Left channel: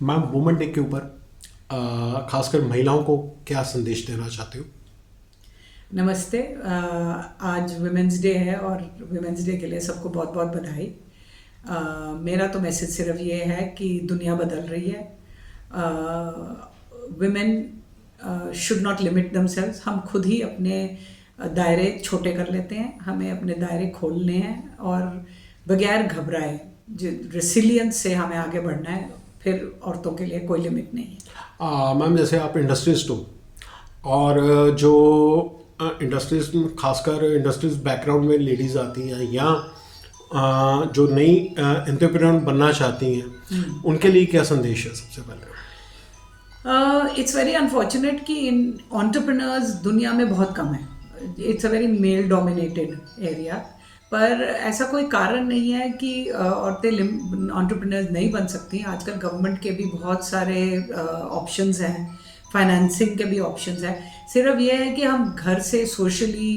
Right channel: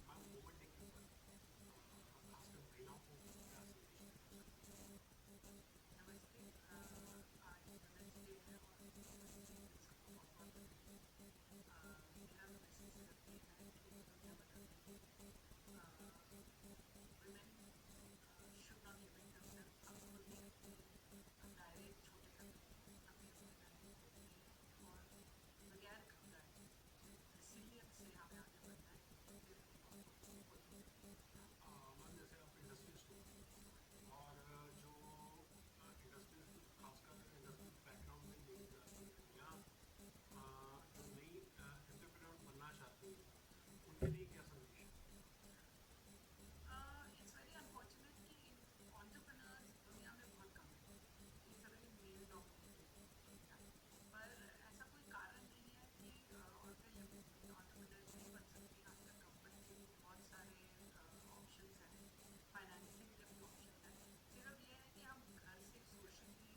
Ma'am, women day के ऊपर खासकर महिलाओं को क्या संदेश देना चाहते हो? नमस्ते। आज वुमेंस डे है और वुमेंस डे के लिए सबको बहुत बहुत बधाई। मेरा तो मैसेज सिर्फ ये है कि दुनिया बदल रही है। Women should not limit themselves. हम खुद ही अपने दायरे छोटे कर लेते हैं, हमें अपने दायरे खोलने हैं और बगैर घबराए जो रेसिलियंस से हमें आगे बढ़ना है। फिर औरतों के लिए कोई लिमिट नहीं है। मैम, जैसे आप इंडस्ट्रिस्ट हो और जो इंडस्ट्रीज में, खासकर इंडस्ट्रीज बैकग्राउंड में लेडीज़ आती हैं या जो नई एंटरप्रेन्योर बनना चाहती हैं, उनके लिए क्या संदेश है सबसे पहले? इट्स वेरी अनफॉर्चुनेट कि इन एंटरप्रेन्योर्स दुनिया में बहुत कम है। It's a very male dominated area. पर ऐसा कोई कारण नहीं है कि औरतें एंटरप्रेन्योर्स नहीं बन सकती। आजकल गवर्नमेंट के भी बहुत सारे ऑप्शंस हैं, फाइनेंसिंग के भी ऑप्शंस हैं। सिर्फ ये है कि हम घर से सोशली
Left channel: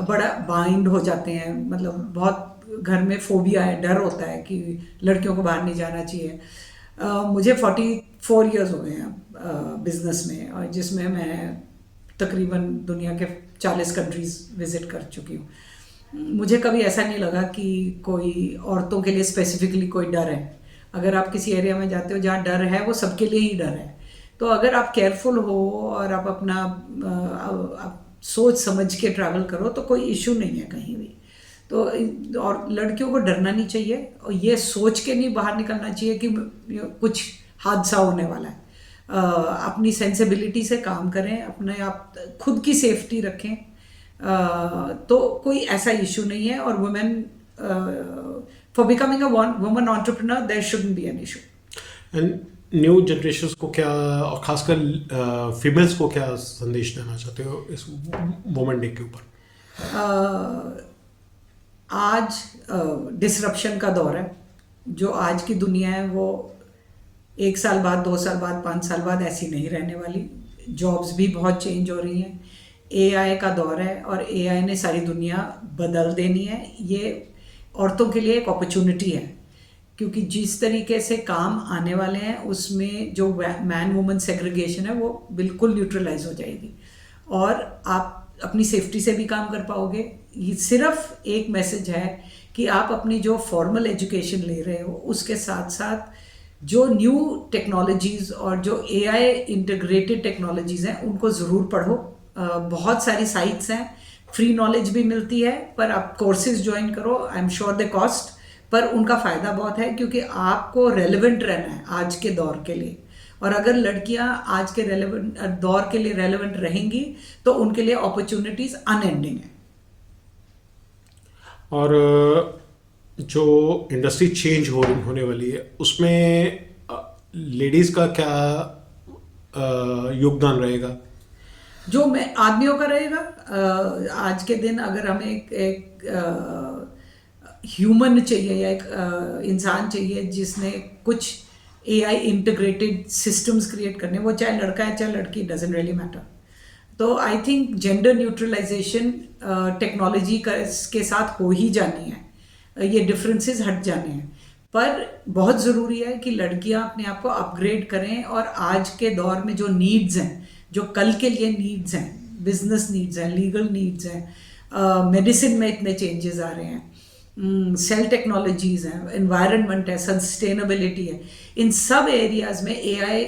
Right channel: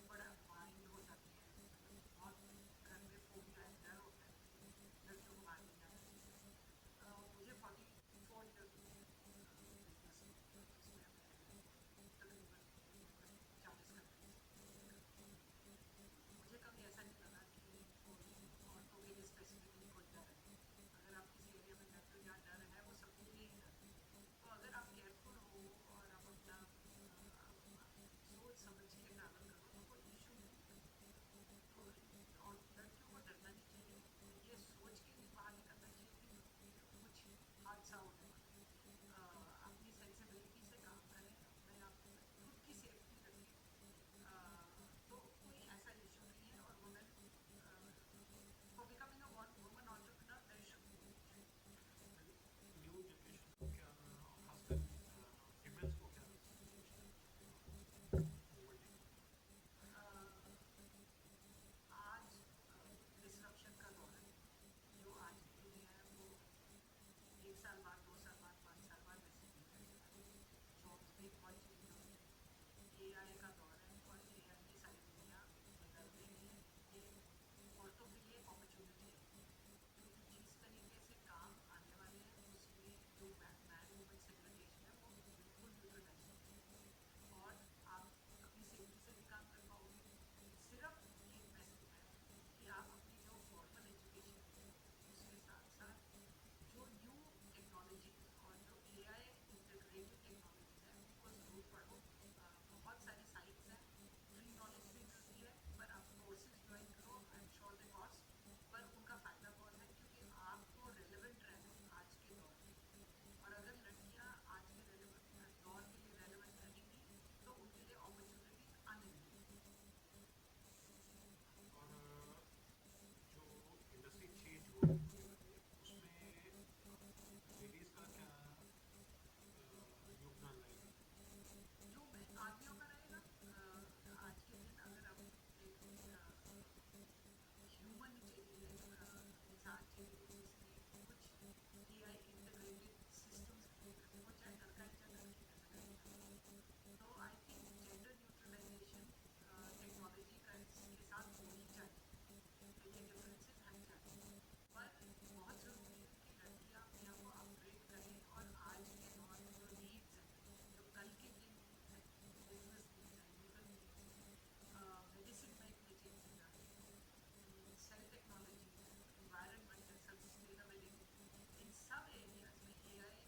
बड़ा बाइंड हो जाते हैं। मतलब बहुत घर में फोबिया है, डर होता है कि लड़कियों को बाहर नहीं जाना चाहिए। मुझे 44 ईयर्स हो गए हैं बिजनेस में, और जिसमें मैं तकरीबन दुनिया के 40 कंट्रीज विजिट कर चुकी हूँ। मुझे कभी ऐसा नहीं लगा कि कोई औरतों के लिए स्पेसिफिकली कोई डर है। अगर आप किसी एरिया में जाते हो जहाँ डर है, वो सबके लिए ही डर है। तो अगर आप केयरफुल हो और आप अपना आप सोच समझ के ट्रैवल करो तो कोई इशू नहीं है कहीं भी। तो और लड़कियों को डरना नहीं चाहिए और ये सोच के नहीं बाहर निकलना चाहिए कि कुछ हादसा होने वाला है। अपनी सेंसिबिलिटी से काम करें, अपने आप खुद की सेफ्टी रखें। तो कोई ऐसा इशू नहीं है। और women for becoming a woman entrepreneur there shouldn't be an issue. And new generation को क्या, और खासकर फीमेल्स को क्या संदेश देना चाहते हो इस वुमेन डे के ऊपर? आज डिसरप्शन का दौर है। जो आज की दुनिया है वो 1 साल बाद, 2 साल बाद, 5 साल बाद ऐसी नहीं रहने वाली। जॉब्स भी बहुत चेंज हो रही हैं। एआई का दौर है और एआई ने सारी दुनिया बदल देनी है। ये औरतों के लिए एक अपॉर्चुनिटी है, क्योंकि जिस तरीके से काम आने वाले हैं उसमें जो मैन वुमन सेग्रीगेशन है वो बिल्कुल न्यूट्रलाइज हो जाएगी और आप अपनी सेफ्टी से भी काम कर पाओगे। ये सिर्फ एक मैसेज है कि आप अपनी जो फॉर्मल एजुकेशन ले रहे हो उसके साथ साथ जो न्यू टेक्नोलॉजीज़ और जो एआई इंटीग्रेटेड टेक्नोलॉजीज़ हैं उनको ज़रूर पढ़ो। बहुत सारी साइट्स हैं, फ्री नॉलेज भी मिलती है, पर आप कोर्सेज ज्वाइन करो। I am sure the cost, पर उनका फ़ायदा बहुत है क्योंकि आपको रेलेवेंट रहना है आज के दौर के लिए। और अगर लड़कियां आज के रेलेवेंट दौर के लिए रेलेवेंट रहेंगी तो उनके लिए अपॉर्चुनिटीज़ अनएंडिंग है। और जो इंडस्ट्री चेंज होने वाली है उसमें लेडीज़ का क्या योगदान रहेगा? जो मैं आदमियों का रहेगा। आज के दिन अगर हमें एक ह्यूमन चाहिए या एक इंसान चाहिए जिसने कुछ एआई इंटीग्रेटेड सिस्टम्स क्रिएट करने, वो चाहे लड़का है चाहे लड़की, डजेंट रियली मैटर। तो I think gender neutralization technology के साथ हो ही जानी है। ये डिफरेंसेस हट जाने हैं, पर बहुत ज़रूरी है कि लड़कियां अपने आप को अपग्रेड करें और आज के दौर में जो नीड्स हैं, जो कल के लिए नीड्स हैं, बिजनेस नीड्स हैं, लीगल नीड्स हैं, मेडिसिन में इतने चेंजेस आ रहे हैं, सेल टेक्नोलॉजीज़ हैं, एनवायरनमेंट है, सस्टेनेबिलिटी है, इन सब एरियाज में एआई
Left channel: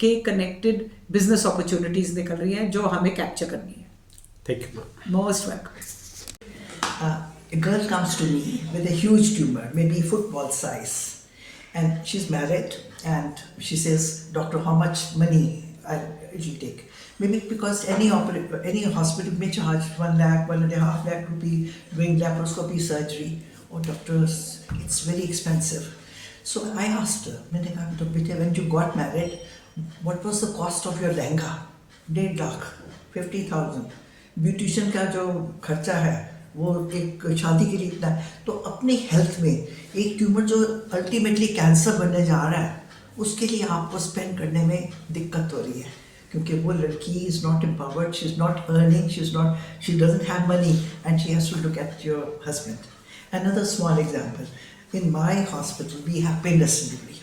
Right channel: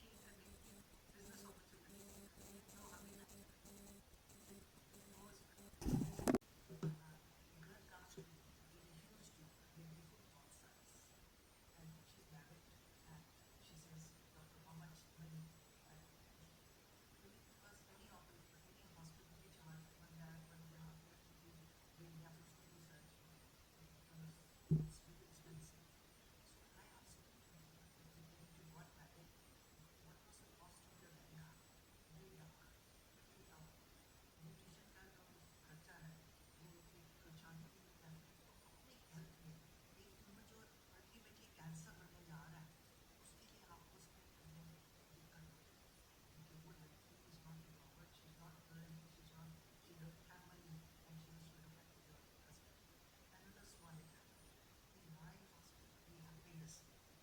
के कनेक्टेड बिजनेस अपॉर्चुनिटीज़ निकल रही हैं जो हमें कैप्चर करनी है। Thank you ma'am. Most welcome. A girl comes to me with a huge tumor, maybe football size, and she's married, and she says, "Doctor, how much money it will take?" Maybe because any hospital may charge 1 lakh, 1.5 lakh rupee doing laparoscopy surgery. Oh, doctors, it's very expensive. So I asked her, मैंने कहा, "तो बेटे, when you got married, what was the cost of your lehenga?" 1.5 lakh, 50,000. Beautician का जो खर्चा है वो एक शादी के लिए इतना है। तो अपनी हेल्थ में एक ट्यूमर जो अल्टीमेटली कैंसर बनने जा रहा है उसके लिए आपको स्पेंड करने में दिक्कत हो रही है, क्योंकि वो लड़की is not empowered, she is not earning, she doesn't have money and she has to look at your husband. Another small example, in my hospital we have painless delivery.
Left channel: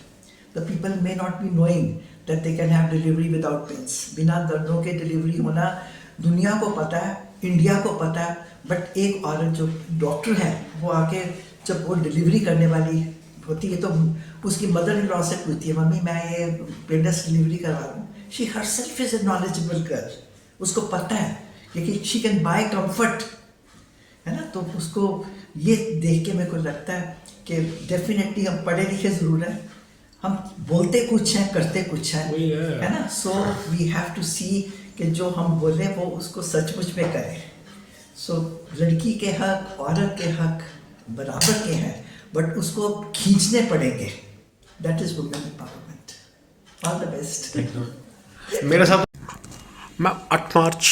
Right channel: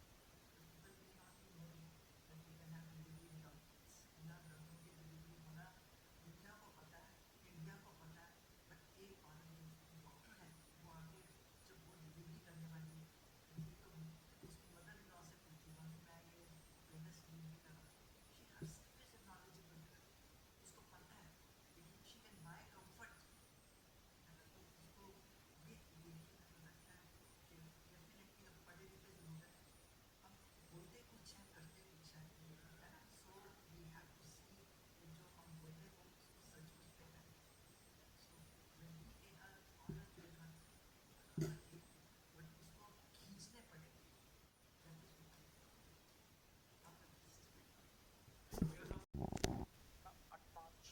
the people may not be knowing that they can have delivery without pains. बिना दर्दों के delivery होना दुनिया को पता है, India को पता है, बट एक औरत जो डॉक्टर है वो आके जब वो डिलीवरी करने वाली होती है तो उसकी मदर इन लॉ से पूछती है, मम्मी मैं ये पेनलेस डिलीवरी करवा रहा हूँ. She herself is a knowledgeable girl, उसको पता है क्योंकि शी कैन बाय कंफर्ट, है ना. तो उसको ये देख के मेरे को लगता है कि डेफिनेटली हम पढ़े लिखे ज़रूर हैं, हम बोलते कुछ हैं करते कुछ हैं, वही है ना. सो वी हैव टू सी कि जो हम बोले वो उसको सचमुच में करें. सो लड़की के हक, औरत के हक बराबर के हैं, बट उसको खींचने पड़ेंगे. That is women empowerment. All the best. मेरे साथ मैं 8 ਮਾਰਚ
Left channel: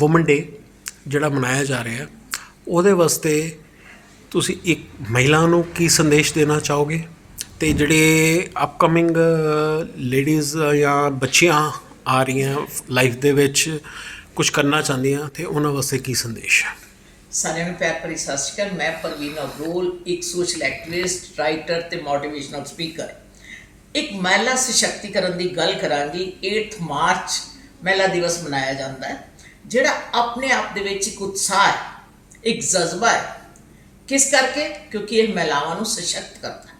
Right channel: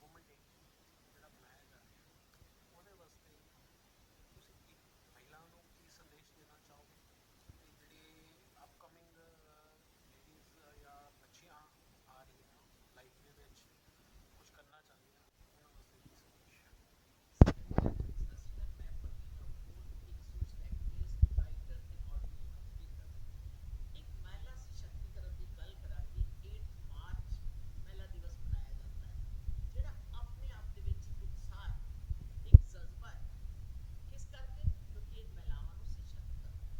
ਵੂਮਨ ਡੇ ਜਿਹੜਾ ਮਨਾਇਆ ਜਾ ਰਿਹਾ ਉਹਦੇ ਵਾਸਤੇ ਤੁਸੀਂ ਇੱਕ ਮਹਿਲਾ ਨੂੰ ਕੀ ਸੰਦੇਸ਼ ਦੇਣਾ ਚਾਹੋਗੇ, ਤੇ ਜਿਹੜੇ ਅਪਕਮਿੰਗ ਲੇਡੀਜ਼ ਜਾਂ ਬੱਚੀਆਂ ਆ ਰਹੀਆਂ ਲਾਈਫ ਦੇ ਵਿੱਚ ਕੁਝ ਕਰਨਾ ਚਾਹੁੰਦੀਆਂ ਤੇ ਉਹਨਾਂ ਵਾਸਤੇ ਕੀ ਸੰਦੇਸ਼ ਹੈ? ਸਾਰਿਆਂ ਨੂੰ ਪਿਆਰ ਭਰੀ ਸਤਿ ਸ਼੍ਰੀ ਅਕਾਲ. ਮੈਂ ਪ੍ਰਵੀਨ ਅਬਰੋਲ, ਇੱਕ ਸੋਸ਼ਲ ਐਕਟਿਵਿਸਟ, ਰਾਈਟਰ ਤੇ ਮੋਟੀਵੇਸ਼ਨਲ ਸਪੀਕਰ. ਇੱਕ ਮਹਿਲਾ ਸਸ਼ਕਤੀਕਰਨ ਦੀ ਗੱਲ ਕਰਾਂਗੀ. 8 ਮਾਰਚ ਮਹਿਲਾ ਦਿਵਸ ਮਨਾਇਆ ਜਾਂਦਾ ਹੈ, ਜਿਹੜਾ ਆਪਣੇ ਆਪ ਦੇ ਵਿੱਚ ਇੱਕ ਉਤਸ਼ਾਹ ਹੈ, ਇੱਕ ਜਜ਼ਬਾ ਹੈ. ਕਿਸ ਕਰਕੇ? ਕਿਉਂਕਿ ਇਹ ਮਹਿਲਾਵਾਂ ਨੂੰ ਸਸ਼ਕਤ ਕਰਦਾ ਹੈ.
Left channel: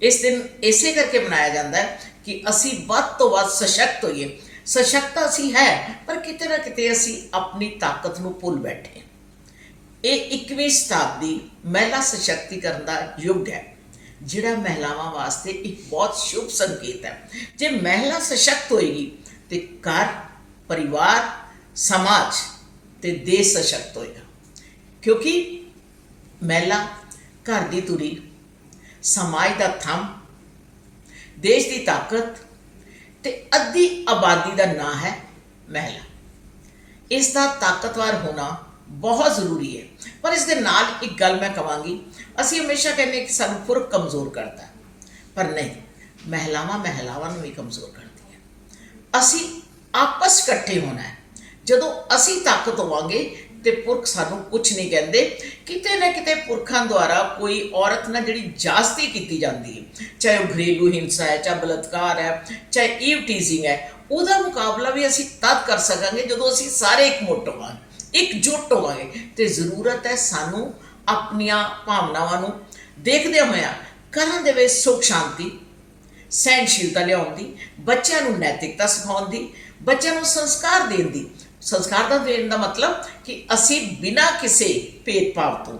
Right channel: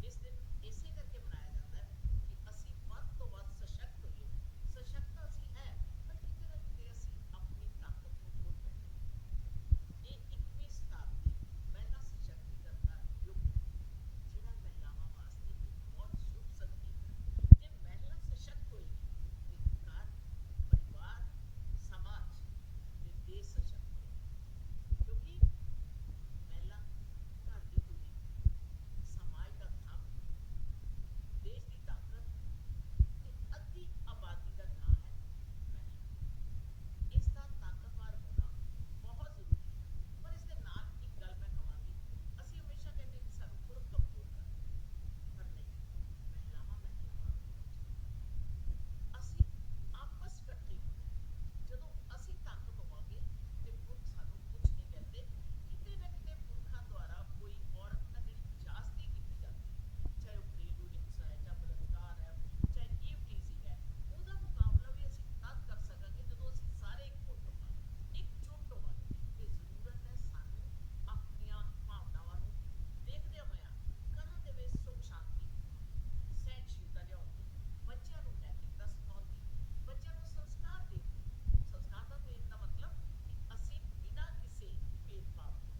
ਇਸ ਦਿਨ ਇਸੇ ਕਰਕੇ ਮਨਾਇਆ ਜਾਂਦਾ ਹੈ ਕਿ ਅਸੀਂ ਵੱਧ ਤੋਂ ਵੱਧ ਸਸ਼ਕਤ ਹੋਈਏ. ਸਸ਼ਕਤ ਅਸੀਂ ਹੈ, ਪਰ ਕਿਤੇ ਨਾ ਕਿਤੇ ਅਸੀਂ ਆਪਣੀ ਤਾਕਤ ਨੂੰ ਭੁੱਲ ਬੈਠੇ. ਇਹ 21ਵੀਂ ਸ਼ਤਾਬਦੀ ਮਹਿਲਾ ਸਸ਼ਕਤੀਕਰਨ ਦਾ ਯੁੱਗ ਹੈ, ਜਿਹੜਾ ਮਹਿਲਾਵਾਂ ਵਾਸਤੇ ਇੱਕ ਬਹੁਤ ਸ਼ੁਭ ਸੰਕੇਤ ਹੈ. ਜੇ ਮਹਿਲਾ ਸਸ਼ਕਤ ਹੋਏਗੀ ਤੇ ਘਰ, ਪਰਿਵਾਰ, ਸਮਾਜ ਤੇ ਦੇਸ਼ ਸਸ਼ਕਤ ਹੋਏਗਾ. ਕਿਉਂਕਿ ਮਹਿਲਾ ਘਰ ਦੀ ਧੁਰੀ, ਸਮਾਜ ਦਾ ਥੰਮ, ਦੇਸ਼ ਦੀ ਤਾਕਤ ਤੇ ਅੱਧੀ ਆਬਾਦੀ ਦਾ ਨਾਂ ਹੈ ਮਹਿਲਾ. ਇਸ ਦਾ ਤਾਕਤਵਰ ਹੋਣਾ ਬਹੁਤ ਜ਼ਰੂਰੀ ਹੈ. ਪਰ ਇਸ ਦੇ ਨਾਲ ਇੱਕ ਗੱਲ ਮੈਂ ਕਹਾਂਗੀ, ਅਸੀਂ ਹਮੇਸ਼ਾ ਕਹਿੰਦੇ ਕਿ ਸਾਨੂੰ ਪੁਰਖ ਕਮਜ਼ੋਰ ਕਰਦਾ, ਪਰ ਨਹੀਂ, ਮਹਿਲਾਵਾਂ ਨੂੰ ਵੀ ਕਮਜ਼ੋਰ ਕਰਦੀਆਂ. ਅਸੀਂ ਆਪਸ ਇਕੱਠੇ ਹੋਣਾ ਹੈ. ਜਦੋਂ ਅਸੀਂ ਤਾਕਤ ਹੋਵਾਂਗੇ ਤੇ ਪੁਰਖ ਸਾਨੂੰ ਕੁਝ ਨਹੀਂ ਕਹਿੰਦੇ. ਕਿਤੇ ਨਾ ਕਿਤੇ ਪੁਰਖਾਂ ਦੁਆਰਾ ਕੋਈ ਔਰਤ ਨਾਲ ਜਿਹੜੀ ਜ਼ਿਆਦਤੀ ਕੀਤੀ ਜਾਂਦੀ ਹੈ, ਚਾਹੇ ਉਹ ਘਰੇਲੂ ਹਿੰਸਾ ਹੈ, ਚਾਹੇ ਬਲਾਤਕਾਰ ਹੈ, ਚਾਹੇ ਈਵ ਟੀਜ਼ਿੰਗ ਹੈ, ਉਹਦਾ ਮੁਕਾਬਲਾ ਵੀ ਅਸੀਂ ਤਦ ਕਰ ਸਕਾਂਗੇ ਜਦੋਂ ਅਸੀਂ ਸਾਰੇ ਇਕਮੁੱਠ ਹੋਵਾਂਗੇ, ਇਕਜੁੱਟ ਹੋਵਾਂਗੇ. ਤੇ ਜ਼ਰੂਰਤ ਹੈ ਸਾਨੂੰ ਆਪਣੀਆਂ ਭਾਵਨਾਵਾਂ ਨੂੰ ਦੇਖਦੇ ਹੋਇਆ ਘਰਾਂ ਦੇ ਵਿੱਚ ਸੁੱਖ ਸ਼ਾਂਤੀ, ਸਹਿਣਸ਼ੀਲਤਾ ਲਿਆਉਣ ਦੀ, ਬੱਚਿਆਂ ਨੂੰ ਨੈਤਿਕਤਾ ਸਿਖਾਉਣ ਦੀ, ਬੱਚਿਆਂ ਨੂੰ ਸੰਸਕਾਰ ਦੇਣ ਦੀ. ਸੰਸਕਾਰ ਦਾ ਦੇਣ ਦਾ ਮਤਲਬ ਕਿ ਅਸੀਂ ਬਿਨਾਂ ਕਿਸੇ ਭੇਦਭਾਵ ਤੋਂ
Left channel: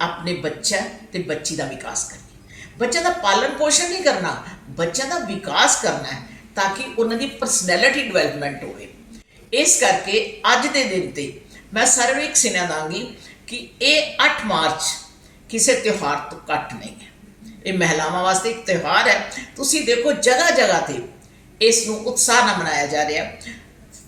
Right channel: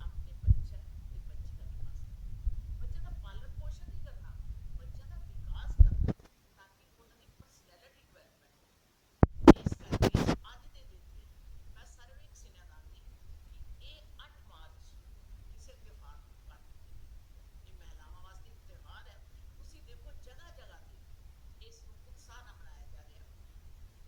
ਆਪਣੇ ਬੱਚਾ ਤੇ ਬੱਚੀ ਦਾ ਵਿਕਾਸ ਕਰੀਏ. ਬੱਚਿਆਂ ਦਾ ਪਾਲਣ ਪੋਸ਼ਣ ਨਹੀਂ ਕਰਨਾ, ਬੱਚਿਆਂ ਦਾ ਵਿਕਾਸ ਕਰਨਾ ਹੈ ਤਾਂ ਕਿ ਉਹਨਾਂ ਦੀ ਪਰਸਨੈਲਿਟੀ ਡਿਵੈਲਪਮੈਂਟ ਹੋਵੇ. ਇਸ ਕਰਕੇ ਅੱਜ ਦੇ ਦਿਨ 'ਤੇ ਮੈਂ ਸਾਰਿਆਂ ਨੂੰ ਇੱਕ ਸੁਨੇਹਾ ਦਾਂਗੀ ਕਿ ਇਹ 8 ਮਾਰਚ ਕਿਸੇ ਤਿਉਹਾਰ ਤੋਂ ਘੱਟ ਨਹੀਂ ਹੈ. ਇਹ ਮਹਿਲਾਵਾਂ ਵਾਸਤੇ ਇੱਕ ਤਿਉਹਾਰ ਹੈ. ਤੁਸੀਂ ਦੇਖੋ ਜਗ੍ਹਾ ਜਗ੍ਹਾ 'ਤੇ ਇਸ ਨੂੰ ਉਤਸ਼ਾਹ ਨਾਲ ਮਨਾਇਆ ਜਾ ਰਿਹਾ.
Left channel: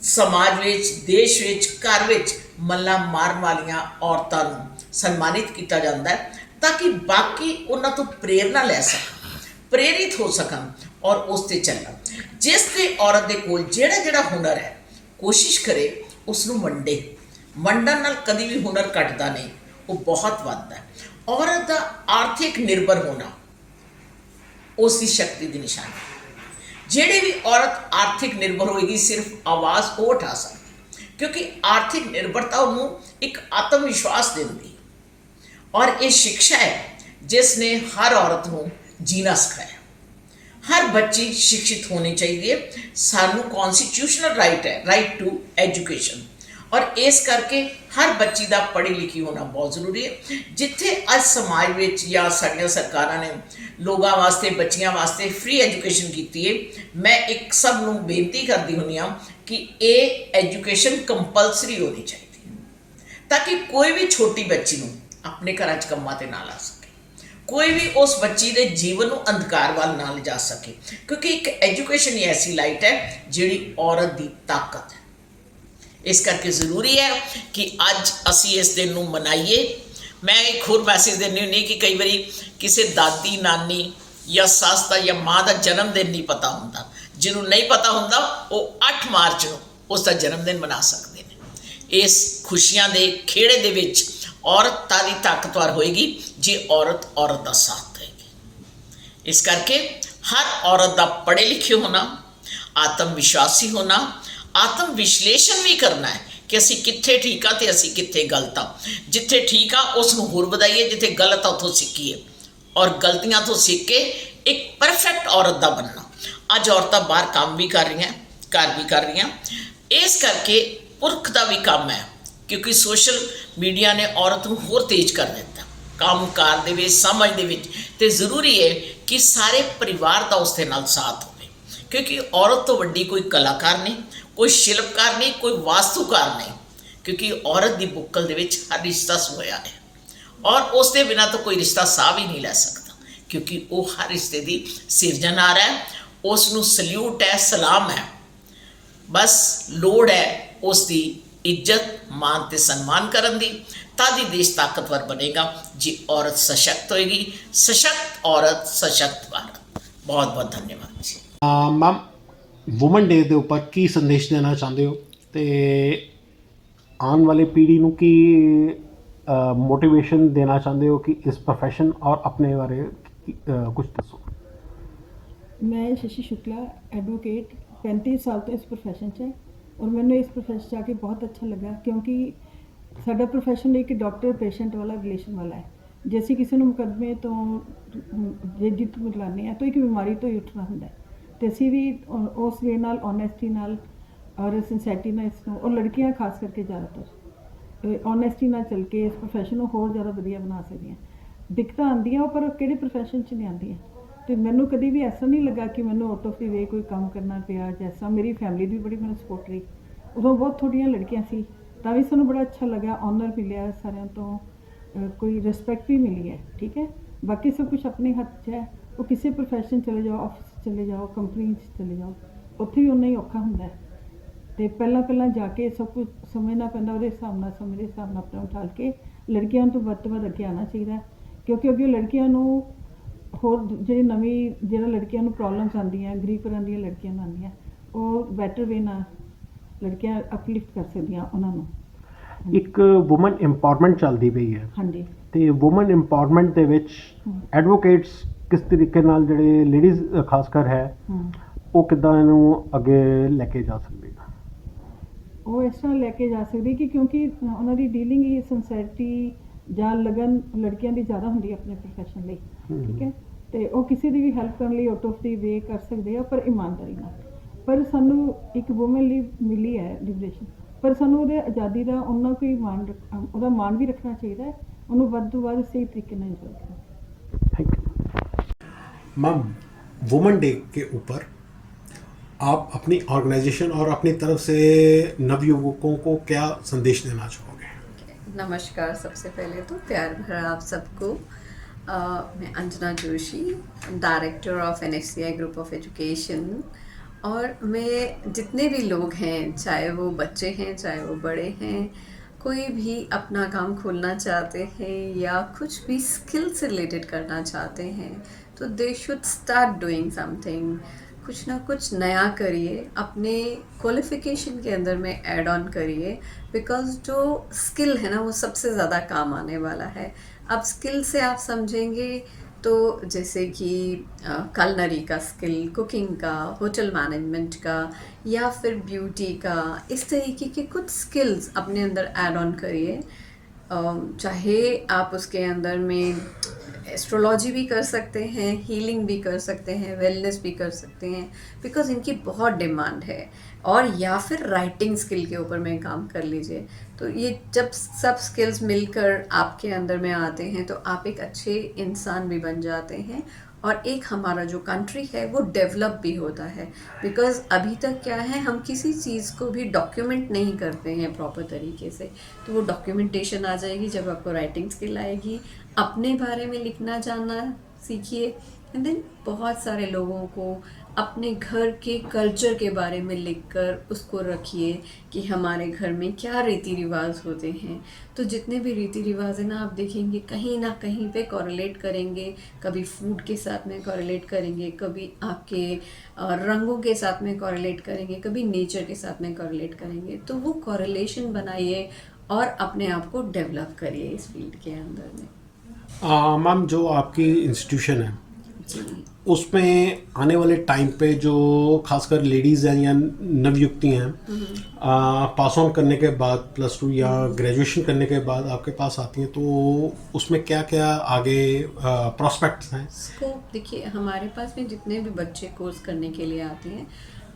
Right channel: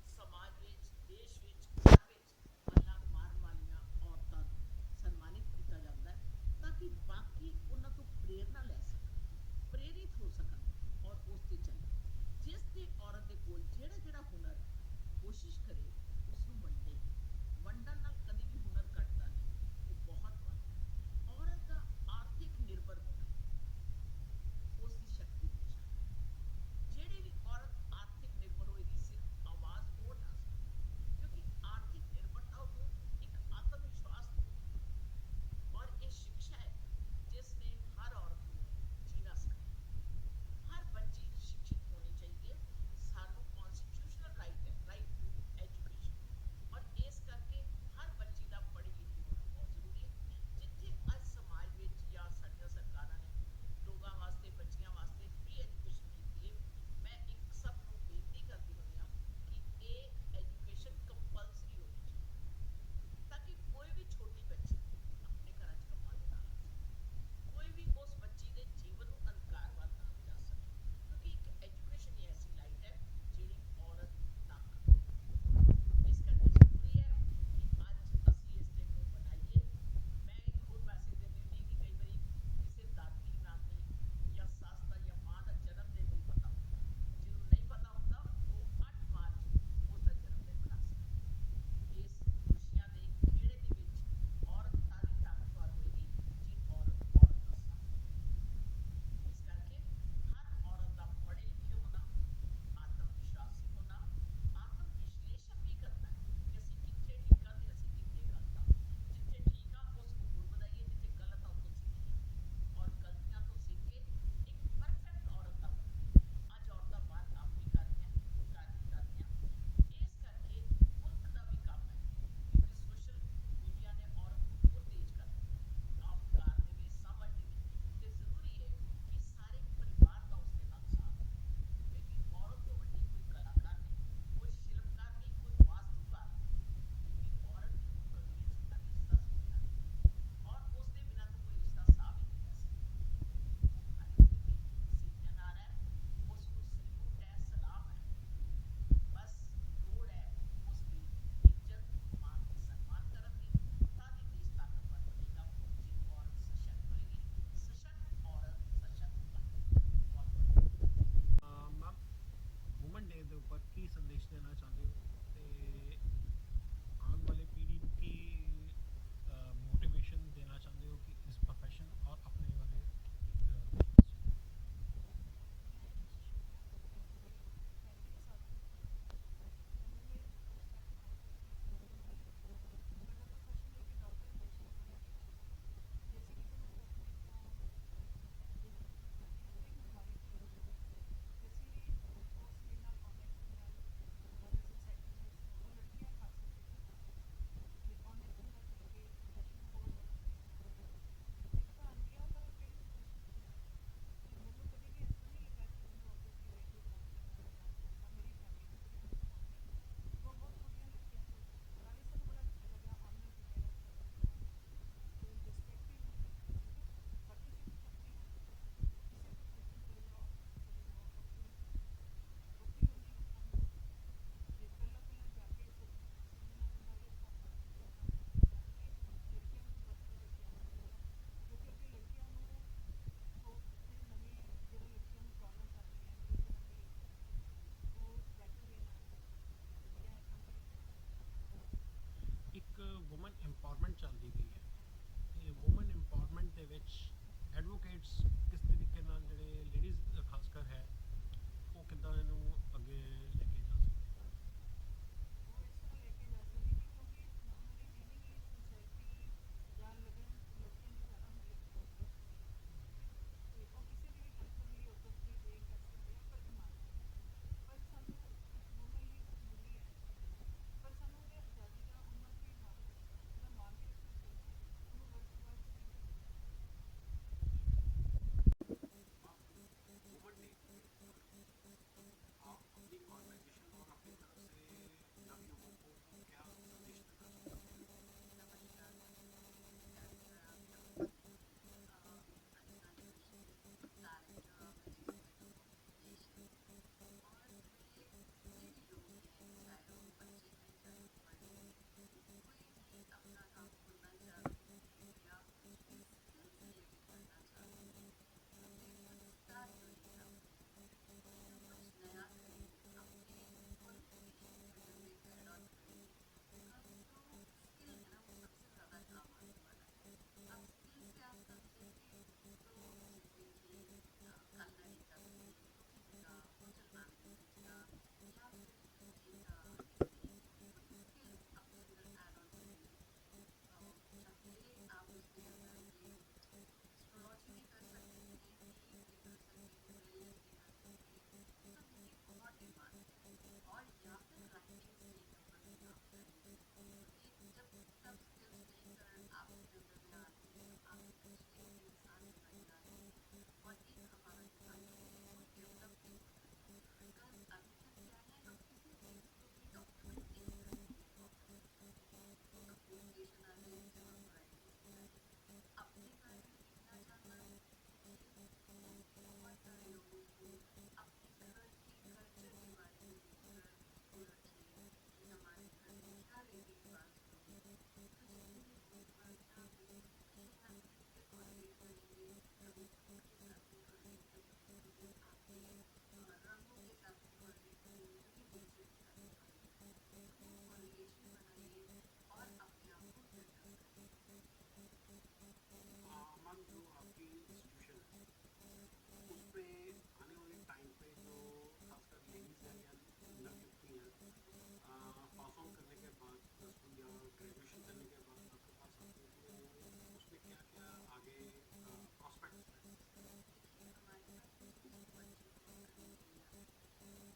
ਸਮਾਜ ਵਿੱਚ, ਦੇਸ਼ ਵਿੱਚ, ਘਰ ਵਿੱਚ ਮੱਲਾਂ ਮਾਰਨ ਵਾਲੀਆਂ ਔਰਤਾਂ ਨੂੰ ਸਨਮਾਨਿਤ ਕੀਤਾ ਜਾਂਦਾ ਹੈ ਤਾਂ ਕਿ ਬਾਕੀ ਉਹਨਾਂ ਤੋਂ ਪ੍ਰੇਰਨਾ ਲੈ ਸਕਣ, ਪ੍ਰੇਰਿਤ ਹੋ ਸਕਣ ਔਰ ਉਸ 'ਤੇ ਚੱਲਣ. ਜਿਸ ਤੇ ਔਰਤ ਦੇ ਕੋਲ ਜਿਹੜਾ ਹੁਨਰ ਹੈ, ਕੋਸ਼ਿਸ਼ ਕਰੇ ਉਸ ਨੂੰ ਵੰਡਣ ਨਾਲ ਕਦੀ ਵੀ ਹੁਨਰ ਘਟਦਾ ਨਹੀਂ, ਉਹ ਬਹੁਤ ਵੱਧਦਾ ਹੈ. ਔਰਤ ਦਾ ਆਰਥਿਕ ਨਿਰਭਰ ਹੋਣਾ ਉਸ ਦੀ ਸ਼ਕਤੀ ਦੀ ਨਿਸ਼ਾਨੀ. ਜਿਹੜੀ ਵੀ ਔਰਤ ਆਰਥਿਕ ਨਿਰਭਰ ਹੋਏਗੀ ਸਿਰਫ ਆਵਾਜ਼ ਉਹ ਉਠਾ ਸਕਦੀ, ਕਿਉਂਕਿ ਆਰਥਿਕ ਨਿਰਭਰਤਾ ਉਹਨੂੰ ਇੱਕ ਆਤਮ ਵਿਸ਼ਵਾਸ ਦਿੰਦੀ. ਔਰ ਇਹ ਸਿੱਖਿਆ ਹੈ ਜਿਸ ਨੇ ਹਰ ਔਰਤ ਨੂੰ ਜੀਣਾ ਸਿਖਾਇਆ. ਹਰ ਬੱਚੀ ਸਿੱਖਿਤ ਹੋਣੀ ਚਾਹੀਦੀ ਹੈ. ਸਾਨੂੰ ਕੌਨਸਟੀਟਿਊਸ਼ਨਲ ਰਾਈਟ ਹੈ, ਰਾਈਟ ਟੂ ਐਜੂਕੇਸ਼ਨ, ਔਰ ਇਸ ਕਰਕੇ ਹਰ ਬੱਚੀ ਦਾ ਪੜ੍ਹੀ ਲਿਖੀ ਹੋਣਾ ਬਹੁਤ ਜ਼ਰੂਰੀ ਹੈ. ਜਿੱਥੇ ਅੱਜ ਸਮਾਜ ਵਿੱਚ ਜਾਂ ਸਾਡੀਆਂ ਸਰਕਾਰਾਂ ਨੇ ਲੋਕਾਂ ਵਾਸਤੇ, ਬੱਚੀਆਂ ਵਾਸਤੇ ਫ੍ਰੀ ਐਜੂਕੇਸ਼ਨ ਕੀਤੀ ਹੈ, ਮੈਂ ਇੱਕ ਸਭ ਨੂੰ ਬੇਨਤੀ ਕਰਦੀ ਹੁੰਦੀ ਹਾਂ ਕਿ ਇਹ ਐਜੂਕੇਸ਼ਨ ਕੰਪਲਸਰੀ ਹੋਣੀ ਚਾਹੀਦੀ ਹੈ ਤਾਂ ਕਿ ਕੋਈ ਵੀ ਛੋਟੀ ਬੱਚੀ ਨੂੰ ਆਪਣੇ ਘਰਾਂ 'ਚ ਕੰਮਾਂ 'ਤੇ ਨਾ ਲਾ ਸਕੇ, ਕੋਈ ਵੀ ਉਸ ਬੱਚੀ ਦੇ ਜੀਵਨ ਨੂੰ ਅੰਧਕਾਰ ਵੱਲ ਨਾ ਲਿਜਾ ਸਕੇ. ਕਿਉਂਕਿ ਇੱਕ ਐਜੂਕੇਸ਼ਨ ਹੀ ਐਸੀ ਲਾਈਟ ਹੈ ਜਿਹੜੀ ਔਰਤ ਦੀ ਤਾਕਤ ਹੈ. ਇਸ ਕਰਕੇ ਜ਼ਰੂਰੀ ਹੈ ਕਿ ਅੱਜ ਅਸੀਂ ਇਸ ਦਿਨ ਨੂੰ ਮਨਾਈਏ. ਮੈਂ ਇੱਕ ਹੋਰ ਮੈਸੇਜ ਦਿੰਦੀ ਹੁੰਦੀ ਕਿ ਕਈ ਵਾਰੀ ਕਿਸੇ ਦਾਦੀ, ਨਾਨੀ ਜਾਂ ਸੱਸ ਦਾ ਜਾਂ ਮਾਂ ਦਾ ਜਨਮ ਦਿਨ ਨਹੀਂ ਪਤਾ ਹੁੰਦਾ. ਜਿਹਨੂੰ ਨਹੀਂ ਪਤਾ ਹੁੰਦਾ ਉਹ 8 ਮਾਰਚ ਨੂੰ ਉਸ ਦਾ ਜਨਮ ਦਿਨ ਮਨਾ ਸਕਦੇ ਨੇ. ਇਸ ਖੁਸ਼ੀਆਂ ਦੇ ਖੇੜੇ ਦੇ ਵਿੱਚ ਔਰਤ ਤਾਂ ਦੀ ਤਾਕਤਵਰ ਹੋਏਗੀ ਜੇ ਔਰਤ ਦਾ ਸਾਥ ਦੇਗੀ. ਇਸ ਕਰਕੇ ਹਰ ਔਰਤ ਦਾ ਪੜ੍ਹੇ ਲਿਖੇ ਹੋਣਾ, ਆਤਮ ਵਿਸ਼ਵਾਸੀ ਹੋਣਾ, ਆਤਮ ਵਿਸ਼ਲੇਸ਼ਣ ਵੀ ਕਰਨਾ ਹੈ ਕਿ ਅਸੀਂ ਕਿੱਥੇ ਠੀਕ ਆ ਤੇ ਅਸੀਂ ਕਿੱਥੇ ਗਲਤ ਆ। ਜਿੱਥੇ ਠੀਕ ਆ ਉਸ ਨੂੰ ਹੋਰ ਵਧਾਈਏ, ਜਿੱਥੇ ਗਲਤ ਆ ਉੱਥੋਂ ਸਿੱਖੀਏ ਔਰ ਗਲਤੀਆਂ ਤੋਂ ਸਿੱਖ ਕੇ ਇੱਕ ਪਰਫੈਕਟ ਔਰਤ ਦਾ ਬਣਨਾ। ਅੱਜ ਔਰਤਾਂ ਬਾਹਰ ਕੰਮ ਵੀ ਕਰ ਰਹੀਆਂ, ਘਰ ਵੀ ਕਰ ਰਹੀਆਂ। ਇਸ ਕਰਕੇ ਪੁਰਖ ਦਾ ਵੀ ਕੰਮ ਹੈ, ਕਿਉਂਕਿ ਸੋਸ਼ਲ ਮੀਡੀਆ ਨੇ ਔਰਤ ਨੂੰ ਹੋਰ ਤੇਜ਼ ਕਰ ਦਿੱਤਾ ਕੰਮਕਾਰ ਦੇ ਵਿੱਚ, ਸਮਝ ਦੇ ਵਿੱਚ। ਤੇ ਜ਼ਰੂਰੀ ਹੈ ਕਿ ਸਾਰੇ ਪਰਿਵਾਰ ਦਾ ਉਸ ਦੇ ਨਾਲ ਸਾਥ ਹੋਵੇ, ਕਿਉਂਕਿ ਔਰਤ ਤੋਂ ਵੱਡੀ ਕੋਈ ਕਲਾਕਾਰ ਨਹੀਂ, ਕੋਈ ਸ਼ਿਲਪਕਾਰ ਨਹੀਂ, ਕੋਈ ਵਾਸਤੂਕਾਰ ਨਹੀਂ, ਕਿਉਂਕਿ ਔਰਤ ਦੀ ਬੁੱਕਲ ਦੇ ਵਿੱਚ ਹਰ ਰਿਸ਼ਤਾ ਸੋਇਆ ਹੈ ਔਰ ਉਸ ਦੇ ਬਿਨਾਂ ਤਾਂ ਕੋਈ ਰਿਸ਼ਤਾ ਸਾਹ ਵੀ ਨਹੀਂ ਲੈ ਸਕਦਾ, ਕਿਉਂਕਿ ਉਹ ਹਰ ਰਿਸ਼ਤੇ ਦੀ ਸਿਰਜਣਹਾਰ ਹੈ। ਉਸ ਨੂੰ ਸਲੂਟ ਹੈ, ਸਲਾਮ ਹੈ। ਬਸ ਲੋੜ ਹੈ ਉਸ ਦੀ ਇੱਜ਼ਤ, ਮਾਨ ਤੇ ਸਨਮਾਨ ਕਰਨ ਦੀ। ਤਦ ਹੀ ਦੇਸ਼ ਤਾਕਤਵਰ ਬਣੇਗਾ ਜੇ ਔਰਤ ਸਸ਼ਕਤ ਹੋਏਗੀ। ਸਸ਼ਕਤ ਔਰਤ, ਸਸ਼ਕਤ ਭਾਰਤ। ਬਹੁਤ ਬਹੁਤ ਧੰਨਵਾਦ ਜੀ। ਮੈਮ, ਵੂਮਨ ਡੇ ਦੇ ਉੱਪਰ ਕੀ ਸੰਦੇਸ਼ ਦੇਣਾ ਚਾਹੁੰਦੇ ਹੋ ਤੇ ਆਉਣ ਵਾਲੀ ਪੀੜ੍ਹੀ ਨੂੰ ਕੀ ਮੋਟੀਵੇਸ਼ਨ ਦੇਣਾ ਚਾਹੁੰਦੇ ਹੋ ਕਿ ਇਸ ਪ੍ਰੋਫੈਸ਼ਨ ਔਰ ਆਪਣੇ ਬਾਰੇ ਕੁਝ ਦੱਸੋ। मैं शशि शुक्ला एडवोकेट 35 साल तो इस प्रोफैशन 'ਚ है और मैंने इस प्रोफैशन 'ਚ आके बहुत अच्छा लगा क्योंकि साडा प्रोफैशन एक डॉक्टर पेशेंट वाला रिलेशन वाला है। जे असीं किसी ਨੂੰ ਮੁਕੱਦਮੇ ਤੋਂ ਜੇ ਜਿੱਤ ਮਿਲਾਉਂਦੇ ਹਾਂ ਤਾਂ ਇੱਕ ਬਿਮਾਰੀ ਤੋਂ ਹੀ ਉੱਠਣਾ ਹੁੰਦਾ ਹੈ ਤੇ ਅਸੀਂ ਵੀ ਉਸ ਵੇ ਨਾਲ ਓਨੈਸਟੀ ਨਾਲ ਔਰ ਸਿੰਸੈਰਿਟੀ ਨਾਲ ਇਸ ਨੂੰ, ਔਰ ਲੜਕੀਆਂ ਖਾਸ ਕਰਕੇ ਜ਼ਿਆਦਾਤਰ ਓਨੈਸਟੀ ਨਾਲ ਚੱਲ ਕੇ ਇਸ ਪ੍ਰੋਫੈਸ਼ਨ ਨੂੰ ਹੋਰ ਜ਼ਿਆਦਾ ਵਧੀਆ ਬਣਾ ਸਕਦੀਆਂ। ਦਿੱਕਤਾਂ ਆਉਂਦੀਆਂ ਪਰ ਕਿਹੜੇ ਪ੍ਰੋਫੈਸ਼ਨ 'ਚ ਨਹੀਂ ਆਉਂਦੀਆਂ। ਤੇ ਮੈਨੂੰ ਕਦੀ ਵੀ ਐਸਾ ਨਹੀਂ ਲੱਗਾ ਕਿ ਮੈਨੂੰ ਆਊਟ ਆਫ ਦੀ ਵੇ ਕੋਈ ਕੰਮ ਕਰਨਾ ਪਿਆ। ਜੈਸਾ ਮੇਰੀ ਫੈਮਿਲੀ ਦੀ ਬੜੀ ਮੈਨੂੰ ਸਪੋਰਟ ਰਹੀ, ਉਦੋਂ ਬਹੁਤ ਥੋੜ੍ਹੀਆਂ ਲੜਕੀਆਂ ਸੀ ਤਾਂ ਵੀ ਸਾਨੂੰ ਬੜਾ ਅੱਛਾ ਲੱਗਾ, ਔਨਰ ਮਿਲਿਆ ਸਾਰਿਆਂ ਤੋਂ, ਕੋਈ ਰਿਸਪੈਕਟ ਵੀ ਮਿਲੀ ਹੈ। ਠੀਕ ਹੈ, ਬਾਕੀ ਸਭ ਕੁਝ ਆਪਣੇ ਹੱਥ 'ਚ ਹੈ। ਉਹ ਕਿਸੇ ਪ੍ਰੋਫੈਸ਼ਨ ਚਲੇ ਜਾਓ, ਆਫਿਸ ਚਲੇ ਜਾਓ, ਕੰਪਨੀ 'ਚ ਚਲੇ ਜਾਓ, ਉੱਥੇ ਵੀ ਉਨਾ ਹੀ ਔਖਾ ਹੁੰਦਾ ਹੈ। ਤੇ ਪਹਿਲਾਂ ਜਾ ਕੇ ਸਭ ਕੁਝ ਸਮਝਣਾ ਪੈਂਦਾ, ਉਹਦੇ ਹਿਸਾਬ ਨਾਲ ਸਮੇਂ ਦੇ ਹਿਸਾਬ ਨਾਲ ਆਪਣਾ ਉਠਾਲ ਕੇ ਲੜਕੀਆਂ ਤੋਂ ਵੱਧ ਤੋਂ ਵੱਧ ਅੱਗੇ ਆਉਣਾ ਚਾਹੀਦਾ, ਕਿਉਂਕਿ ਅੱਗੇ ਲੜਕੀਆਂ ਨੂੰ ਹੋਰ ਜਿਹੜੀ ਜਿਹੜਾ ਲੜਕੀਆਂ ਨੂੰ ਪ੍ਰੋਬਲਮਸ ਆਉਂਦੀਆਂ, ਗਰੀਬ ਘਰਾਂ ਦੀਆਂ ਲੜਕੀਆਂ ਨੂੰ ਆਉਂਦੀਆਂ, ਉਹ ਬੈਟਰ ਵੇ ਨਾਲ ਲੜਕੀਆਂ ਅਪਲਿਫਟ ਕਰ ਸਕਦੀਆਂ ਉਹਨਾਂ ਨੂੰ। ਇੱਕ ਵੂਮਨ ਇੰਪਾਵਰਮੈਂਟ ਚੱਲਦੀ ਪਈ ਹੈ ਹਾਂਜੀ, ਤੇ ਵੂਮਨ ਇੰਪਾਵਰਮੈਂਟ ਦੇ ਵਿੱਚ ਐਡਵੋਕੇਟਸ ਕਿਸ ਤਰੀਕੇ ਨਾਲ, ਜਿਹੜੇ ਲੇਡੀਜ਼ ਖਾਸ ਕਰ ਹੈ, ਉਹ ਕਿੱਦਾਂ ਇਹਨੂੰ ਅੱਗੇ ਲੈ ਕੇ ਜਾ ਸਕਦੇ? ਉਹ ਇਸ ਤਰ੍ਹਾਂ ਲੈ ਕੇ ਜਾ ਸਕਦੀ ਕਿ ਕਿਉਂਕਿ ਉਹਨਾਂ ਦੀ ਡੀਲਿੰਗ ਹੀ ਸਿੰਸੈਰਿਟੀ ਜਾਂ ਲਗਨ ਲੜਕੀਆਂ ਦੀ ਜ਼ਿਆਦਾ ਹੁੰਦੀ ਹੈ ਆਪਣੇ ਪ੍ਰੋਫੈਸ਼ਨ ਲਈ। ਠੀਕ ਹੈ, ਤੇ ਉਹ ਕਿਸੇ ਦੀ ਵੀ ਹੈਲਪ ਕਰਨ ਲਈ ਆਊਟ ਆਫ ਦੀ ਵੇ ਕਰ ਸਕਦੇ ਆ, ਪਰ ਇਮਾਨਦਾਰੀ ਨਾਲ। ਪਰ ਸਾਨੂੰ ਇੱਕ ਵੂਮਨ ਲਈ ਮਿਲੀ ਹੈ ਲਿਬਰੇਸ਼ਨ, ਪਰ ਸਾਨੂੰ ਉਹਦੇ ਆਜ਼ਾਦੀ ਦਾ ਉਹਨਾਂ ਕੋਈ ਉਹਦਾ ਮਾਣ ਵੀ ਰੱਖਣਾ ਚਾਹੀਦਾ ਹੈ, ਉਹਨੂੰ ਵੱਧ ਤੋਂ ਵੱਧ सही तरीके ਨਾਲ ਇੰਜੋਏ करना। Thank you ma'am. Women day के ऊपर आप अपनी ऑर्गेनाइजेशन और अपनी तरफ से नवयुवकों को क्या संदेश देना चाहोगे? नमस्कार। सबसे पहले तो प्यार भरा आप सबको। मैं Anjana Joshi, director of NSCI group of education. और मैं जितने भी लोग हैं, चाहे वो बच्चे हैं चाहे वो बड़े हैं, कोई भी अपना काम खोलना चाहते हैं या कुछ भी स्किल से रिलेटेड करना चाहते हैं, तो they should start doing something. कुछ ना कुछ नया करिए, अपने क्वालिफ़िकेशन के अंदर में ऐड ऑन करिए, बिकॉज जो स्किल है ना वो सबसे ज़्यादा काम आने वाला है। अब स्किल से आप समझेंगे तो जैसे कि कलनरी का स्किल, कुकिंग का, होटल मैनेजमेंट का, या फिर ब्यूटी का, इस तरीके के कुछ स्किल्स अपने अंदर ऐड ऑन करिए। चाहे आप उसके अंदर में एस्ट्रोलॉजी भी कर सकते हैं, हीलिंग भी कर सकते हैं, वेलनेस भी कर सकते हैं, बिकॉज इनकी बहुत डिमांड है। और या फिर राइटिंग स्किल के ऊपर में काम कर लीजिए। तो ये जब सब स्किल्स मिलकर आपके अंदर में आते हैं तो आप एक अच्छे इंसान भी बन जाते हैं, और एक हमारा जो कंट्री है वो डेवलप भी होता है। बिकॉज़ अभी तक क्या है, हम किसी चीज़ को भी डॉक्यूमेंट नहीं करते हैं प्रॉपर तरीके से। तो वो डॉक्यूमेंटेशन आ जाएगी जब आपको राइटिंग स्किल आएगी। अपने बारे में लिखना जानना सीखिए, एंड देन बहुत सारे लोगों को अपने घर के कल्चर के बारे में लिखकर उसको रखिए कि हमारे घर में क्या रीति रिवाज होते हैं। तो जितने भी रीति रिवाज हैं ना, आप देखेंगे कहीं ना कहीं पे कोरिलेट करेंगे। कभी फूड के साथ में कोरिलेट करेंगे, कभी आपके रंगों के साथ में कोरिलेट करेंगे, कभी नेचर के साथ में कोरिलेट करेंगे। तो वो कोरिलेशन बनाइए और अपने आप को डेवलप करिए इस फील्ड के अंदर में। मैम, जो आपकी इंस्टीट्यूशन है जी, उसमें आने वाले टाइम पे जो खासकर लेडीज़ हैं या नवयुक्ति हैं पास ऑन करने के बाद +2 या ग्रेजुएशन करने के बाद आपके पास आती हैं, तो उसमें क्या क्या आगे प्रॉस्पेक्ट्स हैं? स्कोप देखिए, हमारे पास में जितने भी बच्चे कोर्स करने के लिए आते हैं,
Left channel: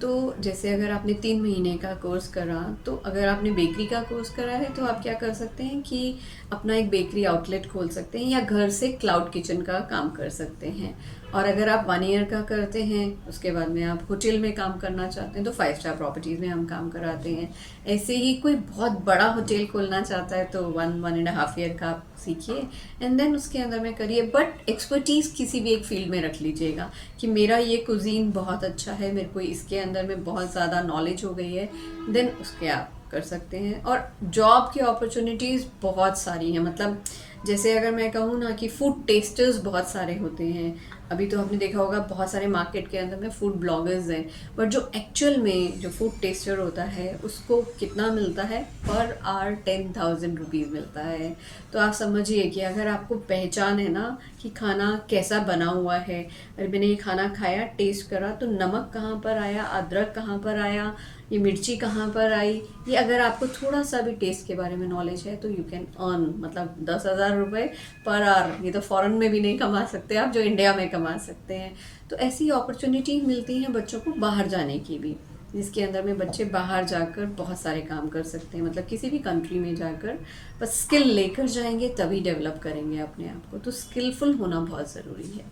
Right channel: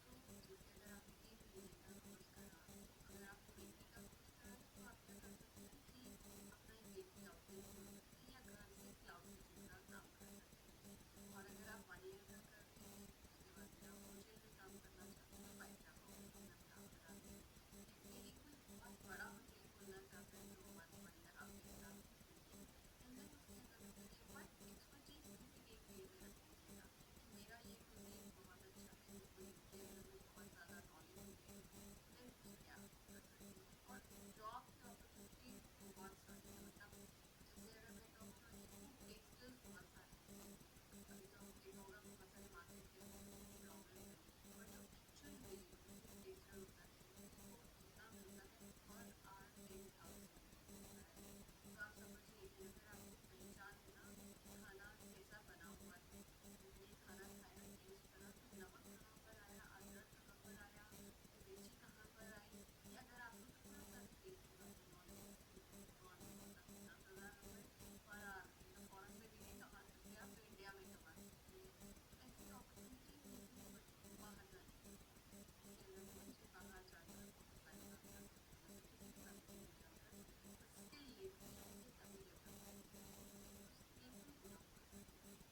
तो जैसे अगर आपने 3 महीने का कोर्स करा, तो अगर आपने बेकरी का कोर्स करा है तो आप क्या कर सकते हैं कि अपना एक बेकरी आउटलेट खोल सकते हैं या घर से क्लाउड किचन का काम कर सकते हैं। और अगर आप 1 ईयर का करते हैं, उसके बाद में आप होटल में काम करना चाहते हैं तो 5 स्टार प्रॉपर्टीज़ में हम काम कराते हैं। ऐसे ही कोई बहुत बड़ा होटल खोलना चाहता है तो 1.5 ईयर का आप सीखिए एंड देन उसके अंदर में करिए, बट एक्सपर्टीज़ किसी भी एक फील्ड में रख लीजिएगा कि मेरा ये कुजीन बहुत अच्छा है, मेरे को इसके अंदर में बहुत ज़्यादा नॉलेज हो गई है, देन उसके आप कर सकते हैं। और जॉब की अपॉर्चुनिटीज़ बहुत सारी हैं, मतलब जैसे अगर मैं कहूँ ना कि फूड टेस्टर्स बहुत सारे होते हैं। अभी तो आपने देखा होगा बहुत सारे मार्केट के अंदर में फूड ब्लॉगर्स हैं, बट जो एक्चुअल में जो फूड टेस्टर होता है उसको कितना मिलता है पर आवर 10,000 रुपीज़ मिलता है। तो आप समझिए कि अगर आपको पहचान है ना कि खाना कैसा बना हुआ है, अरे मैंने ये खाना खाया, टेस्ट करा, तो नमक कहाँ पर आया, अदरक कहाँ पर आया, ये मिर्ची कहाँ पर आई, ये अगर आपको थोड़ा सा भी टेस्ट के बारे में नॉलेज है तो यू कैन अर्न, मतलब 10,000 रुपये पर आवर। ये तो फॉरेन में भी नहीं कमा सकते आप जो इंडिया में कमा सकते हैं। तो ऐसी अपॉर्चुनिटी मिलती हैं बच्चों को बाहर जाने की भी, जिसके अंदर में बच्चे बाहर जाकर बहुत सारे काम कर सकते हैं, मतलब किसी भी कंट्री में जाकर बस स्किल लेकर जाएंगे तभी डेवलप करेंगे अपने आप को। तो स्किलफुल होना बहुत ज़रूरी है।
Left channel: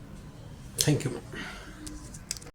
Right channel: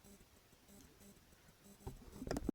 Thank you ma'am.